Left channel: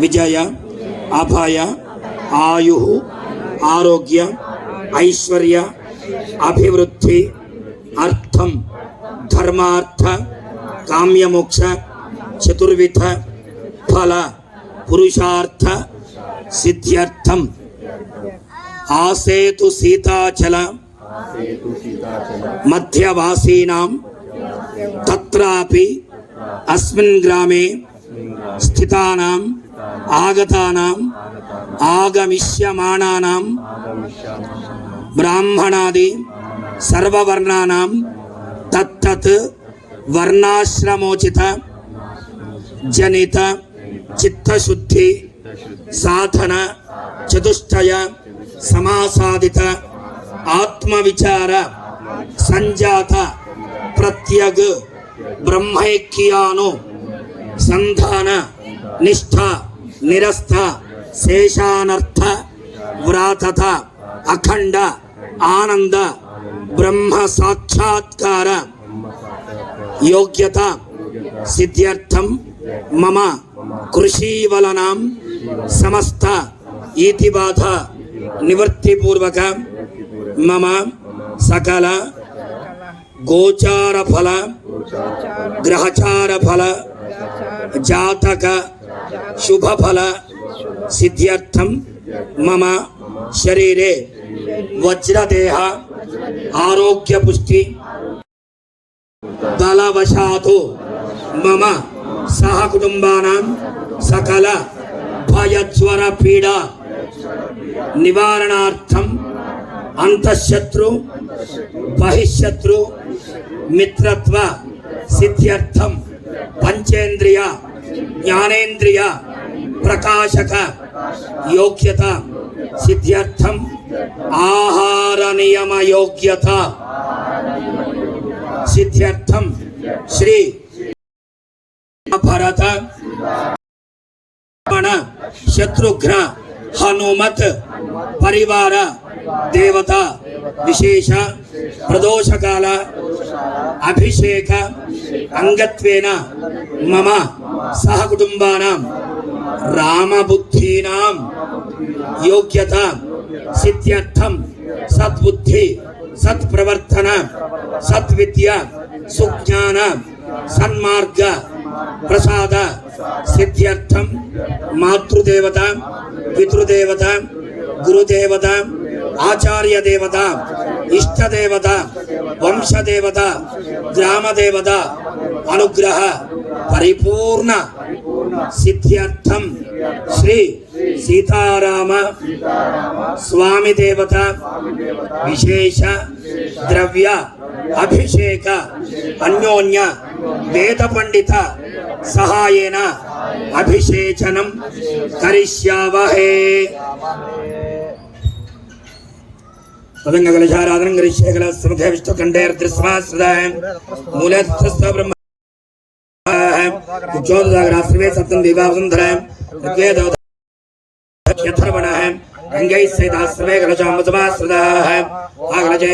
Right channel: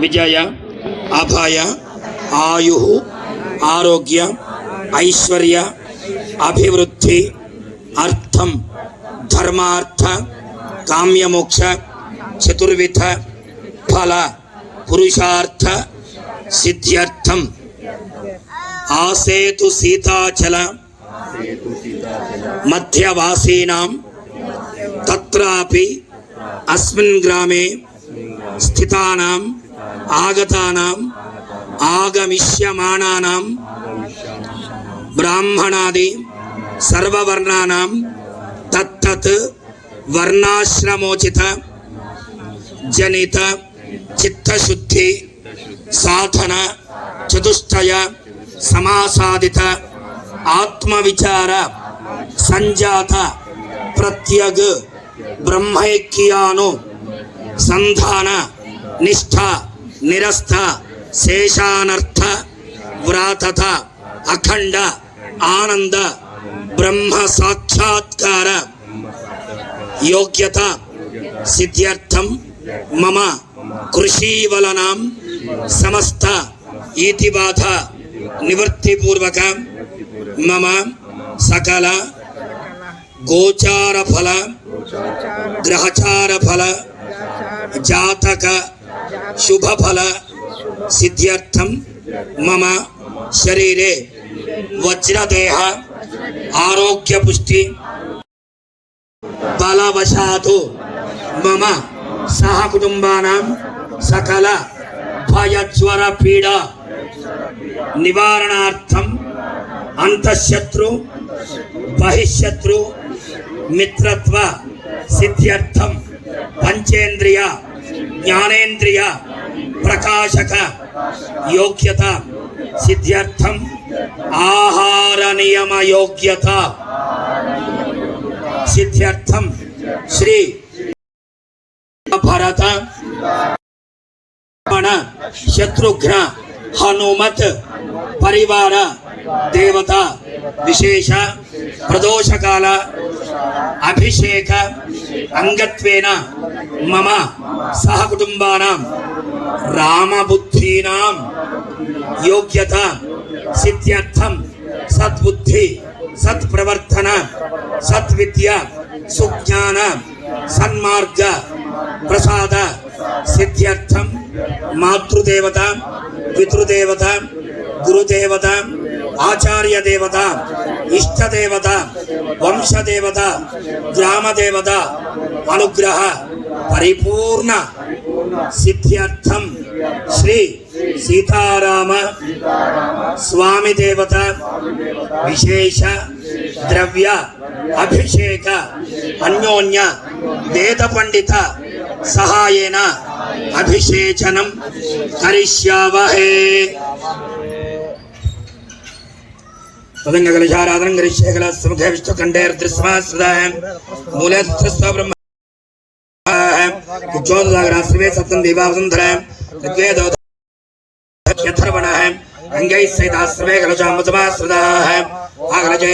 విజయ అభయ ఆయు ఆరోగ్య ఐశ్వర్య అభివృద్ధి అర్థం ధర్మార్థ కామ్యమోక్ష చతుర్విధ ఫల పురుషార్థ సిద్ధ్యర్థం ఆసేతు సీతాచల మధ్యవాసీనాం తత్రాపి అస్మిన్ గ్రామే స్థితానాం ఆగతానాం ఆగమిష్యమాణానాం బ్రాహ్మణాది సర్వవర్ణానాం తత్తత్ వర్ణాశ్రమోచిత జనిత చిత్తశుద్ధి సాధన చతుష్టయ సమాసాదిత ఆత్మవిచార సంజాత ప్రత్యగ్ బ్రహ్మైక్యాను సంధాన నిష్ఠ నిరస్త శేషానర్థ వ్రాతత అఖండ ఆనంద బ్రహ్మ సాక్షాత్కార యోగ్యత సిద్ధ్యర్థం మమ కృషీవలనాం సమస్త ఈతిబాధ నివృత్తిపూర్వక మమ సకల గోచార ఫల గ్రహచార ఫల జాతక శుభఫల సిద్ధ్యర్థం మమ శరీరే వజ్రదేహ ఆరోగ్య పుష్టి బలవశాతు మమ సహ కుటుంబానాం సకల భయజ్వర పీడ నివారణార్థం అంతఃశత్రు బహిశత్రు మిత్రత్వ సిద్ధ్యర్థం పంచేంద్రియ జ్ఞానేంద్రియ ప్రకాశక యోగ్యత సిద్ధ్యర్థం ఆహార నియమ యోగ్యత సిద్ధ్యర్థం శ్రీ భరత శత్రుఘ్న హనుమత్ పరివార దేవత విశేష ప్రదోషకాల అభిషేక అంగత్వేన మమ సహ కుటుంబానాం రామబుద్ధీనాం యోగ్యత సిద్ధ్యర్థం సద్బుద్ధి సత్ప్రవర్తన సద్విద్య సుజ్ఞాన సన్మార్గ ప్రసాద సిద్ధ్యర్థం మాతృదేవత పితృదేవత గురుదేవత ఆచార్య దేవత ఇష్టదేవత వంశదేవత గ్రామదేవత అనుగ్రహ పరిపూర్ణ సిద్ధ్యర్థం శ్రీ సీతారామ స్వామి దేవత విశేష ద్రవ్య అభిషేక అన్యోన్య వేద పండిత సహాయేన అభిషేచనం కరిష్యావహే. తదంగలశారాధనం కరిష్యేకల సముఖే విష్ణుకంఠేర్దృశ్యమాశ్రితాయ మూలస్త్రస్వ బ్రహ్మ కుచోదరాశ్రివే సప్తం దేవావసుంధరాయ ఋగ్వేదో యథర్వణః అంగైః సహితాశ్రివే కలశామసమాశ్రితాః ఆగలజే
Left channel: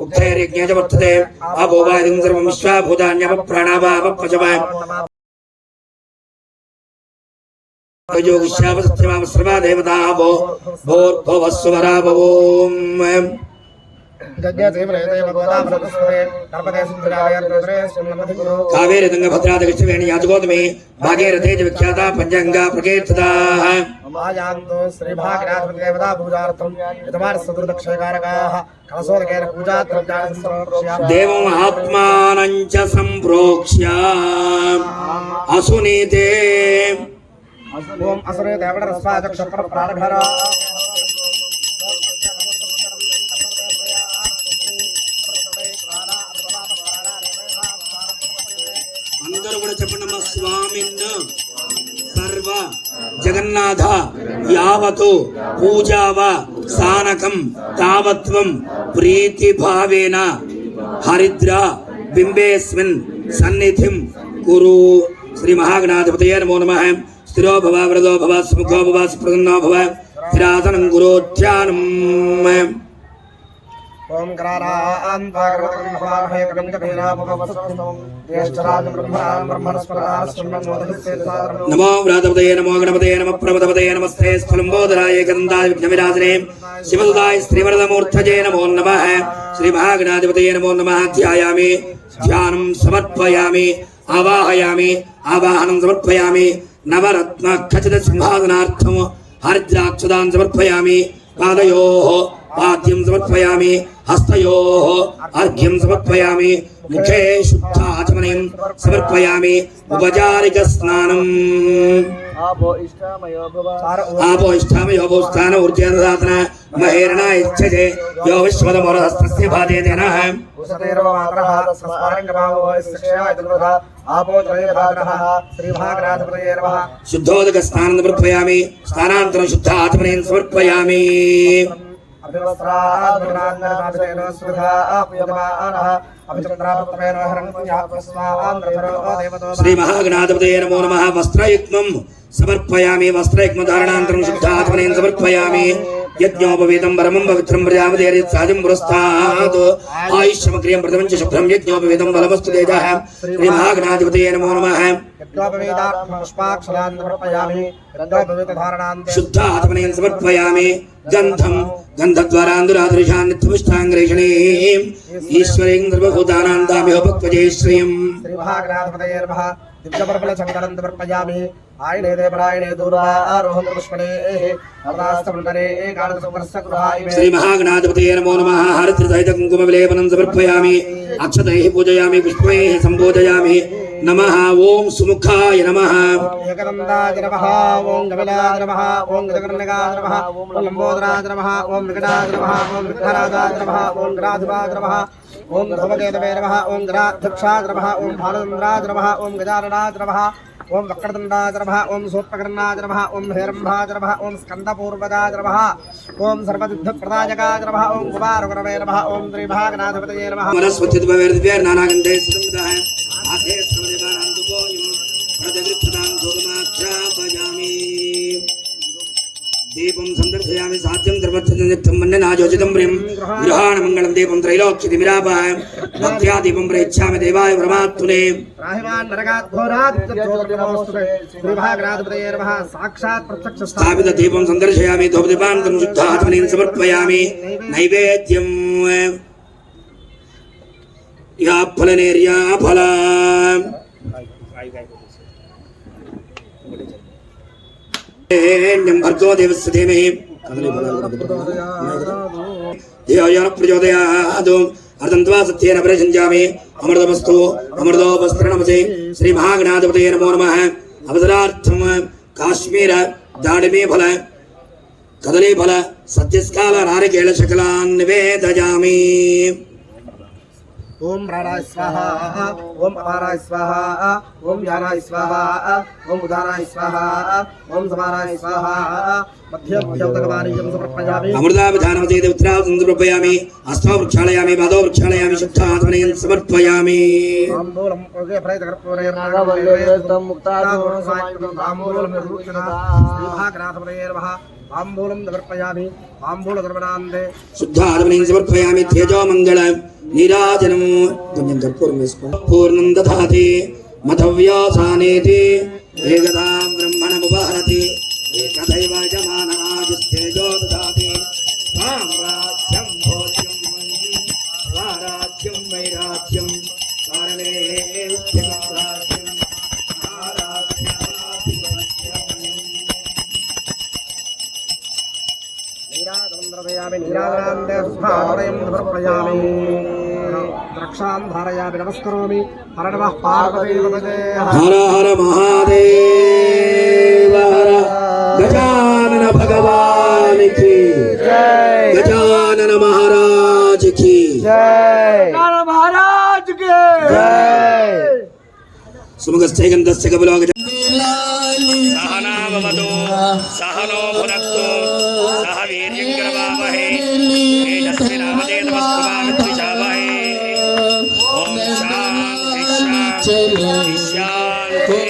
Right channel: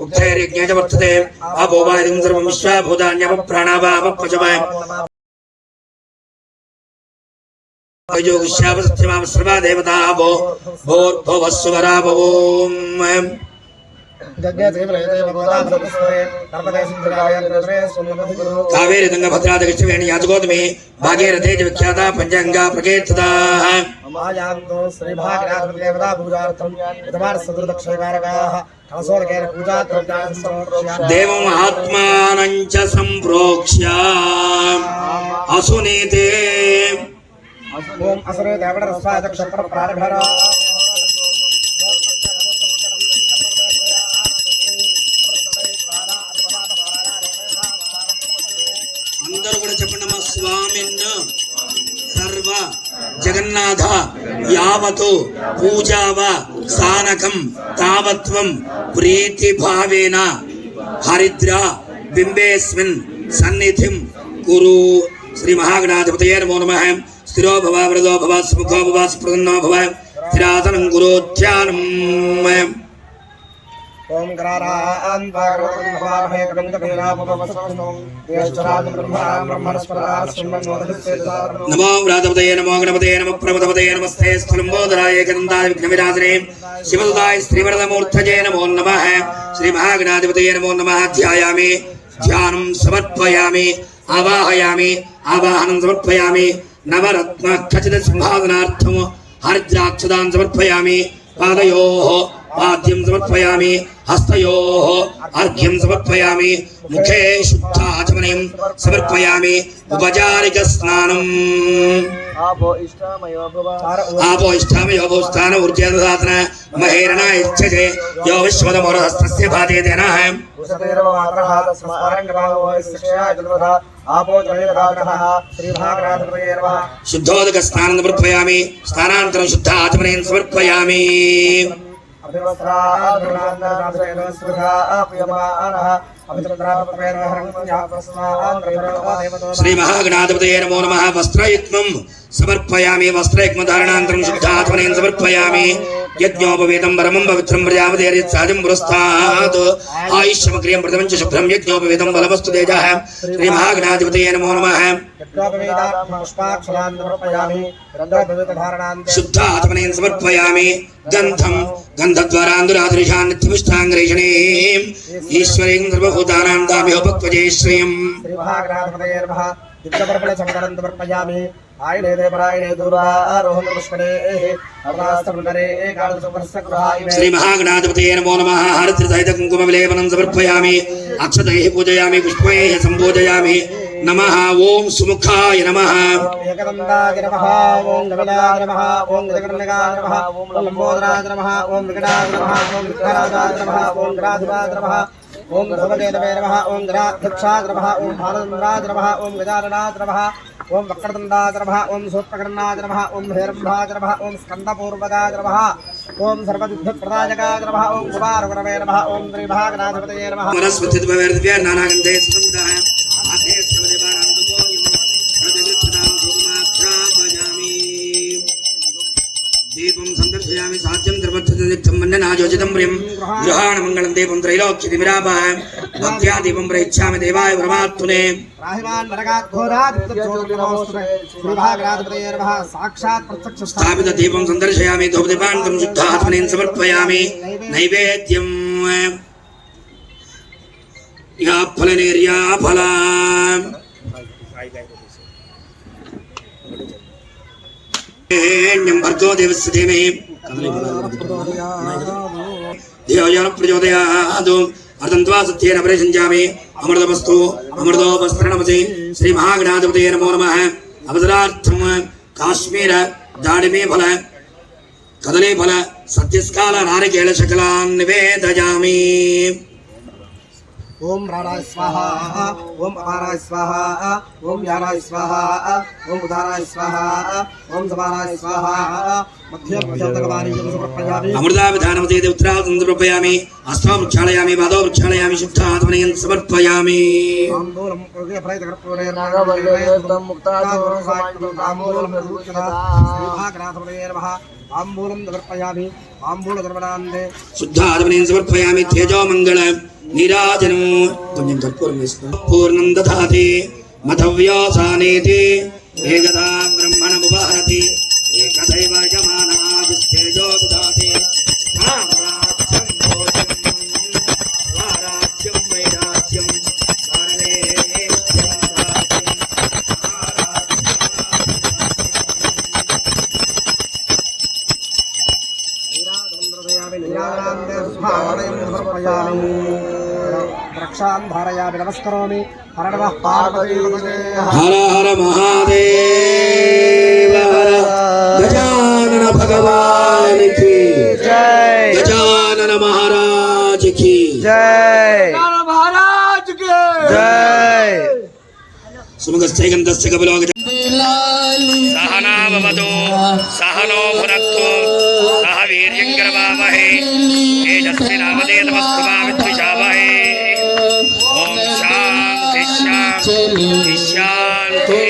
ఉత్తరైర్యజ్ఞేచ వర్తతే అభోవాదిం సర్వం విశ్వాభూతాన్యప ప్రాణావాపపజవాయ యోగిష్యాప సత్యమామ సర్వా దేవతా భో భోర్భువస్సువరా భవోం కావేరి దంగ భద్రాద కృష్ణవేణి యాజగోతమి భాగీరథే చ విఖ్యాత పంచాంగా ప్రకీర్తితాః దేవం ఆత్మానం చ సంప్రోక్ష్య అసునీతే ఓం అసురే దేవడ రస్వాద క్షప్ర ప్రాణభర అందరూ కూడా చెప్పండి మా స్వామిన్న సర్వ జగన్నాథ యావతు పూజావ సానకం తావత్వం ప్రీతి భావేన హరిద్ర బింబేస్మిన్ సన్నిధిం కురు. శ్రీ మహాగణాధిపతయే నమో నమః. స్థిరో భవ వరదో భవ సుముఖో భవ సుప్రసన్నో భవ స్థిరాసనం గురోధ్యానం. ओम ग्रारान् भागवतं नमामहे कदं कबीरापवसवसं देशराज ब्रह्मणस्पदाश्रमणोदधिस्तेजारणो नमो व्रातपतये नमो गणपतये नमः प्रभुतपतये नमस्ते स्थलम्बोदराय गन्धाय विघ्नविनाशने शिवसुताय श्रीवरदमूर्तये नमो नमः श्रीमहागणाधिपतये नमो नमः ध्यायामि ध्यानं समर्पयामि आवाहयामि आवाहनं समर्पयामि नवरत्न खचित संभावनार्थं हरिद्राक्षदान् समर्पयामि पादयोः पाद्यं समर्पयामि हस्तयोः अर्घ्यं समर्पयामि मुखे शुद्धाचमनीं समर्पयामि उपचारिकस्नानम् आपो इष्टामयो भव स्थान ऊर्जेन्द्रदातन महेरण इच्छते यो विश्वदमोरहस्तस्य भातेनः उसतेरवात्रः समारङ्गभावो इष्टया इदुरः आपो त्रयधातः श्रीभागराधपतये नमः शुद्धोदकस्नानं समर्पयामि स्नानानन्तरं शुद्ध आचमनीं समर्पयामि श्री महागणाधिपतये नमो नमः वस्त्रयुग्मं समर्पयामि वस्त्रयुग्मधारणानन्तरं शुद्धात्मनेन समर्पयामि यज्ञोपवीतं परमं पवित्रं प्रजापतेर्यत्सादिं पुरस्तात् आयुष्यमग्रियं प्रथमं च शुभ्रं यज्ञोपवीतं बलवस्तु तेजः श्री महागणाधिपतये नमो नमः शुद्धात्मनेन समर्पयामि गन्धं गन्धद्वारान्दुरादृशान् नित्यमिष्टाङ्गरेषणीम् ईश्वरीं सर्वभूतानां दामिहोपक्वजे श्रियम् श्रीमहागणाधिपतये नमः दिव्यपर्पण संकरं समर्पयामि आयने देवरायणे दूरारोहं पुष्पणेः अवदास्तमन्तरे एकादशवर्षगृहाय श्री महागणाधिपतये नमो नमः हरिद्रसहित कुङ्कुमविलेपनं समर्पयामि अक्षतैः पूजयामि पुष्पैः सम्पूजयामि नमः ओम सुमुखाय नमः एकदन्ताय नमः ओम गविलाय नमः ओम गजकर्णिकाय नमः ओम लंबोदराय नमः ओम विकटाय नमः ओम विघ्नराजाय नमः ओम ग्राधिपाय नमः ओम ध्रुवकेतवे नमः ओम ग्राध्यक्षाय नमः ओम भानुन्द्राय नमः ओम गजाननाय नमः ओम वक्रतुण्डाय नमः ओम सूत्रकर्णाय नमः ओम हेरम्भाय नमः ओम स्कन्दपूर्वदाय नमः ओम सर्वसिद्धप्रदायकाय नमः ओम कुमारगुरवे नमः ओम श्रीभागनाथपतये नमः वनस्पतिद्वैर्दिव्य नानागन्धे सुगन्धः दीपं संदर्शयामि साध्यं धर्मच्छन्दं मन्ननाजोचितं प्रियं गृहाणमङ्गलं दीपं त्रैलोक्यतिमिरापः भक्त्या दीपं प्रयच्छामि देवाय परमात्मने राहिमान् नरकात् घोरात् ज्योतिर्नमोस्तुते श्रीभागराधपतये नमः साक्षात् प्रत्यक्ष स्थापित दीपं संदर्शयामि धूपदीपान्तं शुद्धात्मनेन समर्पयामि नैवेद्यं या फलनेर्या फला भर्गो देवस्य धीमहि धियो यो न प्रचोदयात् अर्धन्त्वा सत्येन परिषञ्जामि अमृतमस्तु अमृतोपस्त्रणमसि श्री महागणाधिपतये नमो नमः अवसरार्थं काश्मीर दाडिमे फल कदली फल सत्यस्काल नारिकेल शकलान् निवेदयामि ओम राणाय स्वाहा ओम अपाराय स्वाहा ओम ज्ञानाय स्वाहा ओम उदानाय स्वाहा ओम समानाय स्वाहा मध्यम भगवानीयं समर्पयामि अमृताविधानमते उत्तरावतं समर्पयामि हस्तौ प्रक्षालयामि पादौ प्रक्षालयामि शुद्धात्मनेन समर्पयामि ताम्बूलं ओगे प्रयतकर्पूरे नागवल्लेतं मुक्तादोरं सायं ताम्बूलं निर्रूचना श्रीभागनाथपतये नमः ताम्बूलं समर्पयामि ताम्बूलधर्मनान्दे शुद्धात्मनेन समर्पयामि तेजो मंगल नीराजनं पुण्यं पूर्णं दधाति मधव्यासानेति एकदा ब्रह्मणमुपहरति एकदैव यजमानादिस्तेजो दधाति रामराज्यं भोजं स्वराज्यं वैराज्यं कारणे नीराजनान्दे स्वाहारयं समर्पयामि रक्षां धारयामि नमस्करोमि हर नमः पार्वतीपतये हर हर महादेव हर गजानन भगवान की जय गजानन महाराज की जय महाराज की जय सुमुखश्चैकन्तस्य कपिलो सहना भवतु सहनो भुनक्तु सह वीर्यङ्करवावहै तेजस्विनामधेतमस्तु मा विद्विषावहै ॐ शान्ति शान्ति शान्ति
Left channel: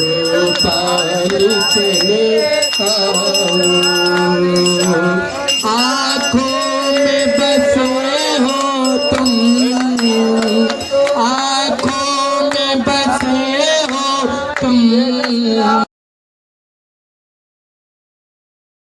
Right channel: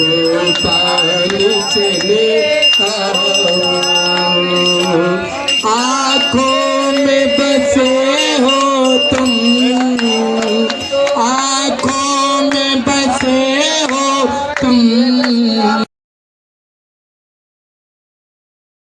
गोपाल चले आओ। आँखों में बसे हो तुम, आँखों में बसे हो तुम।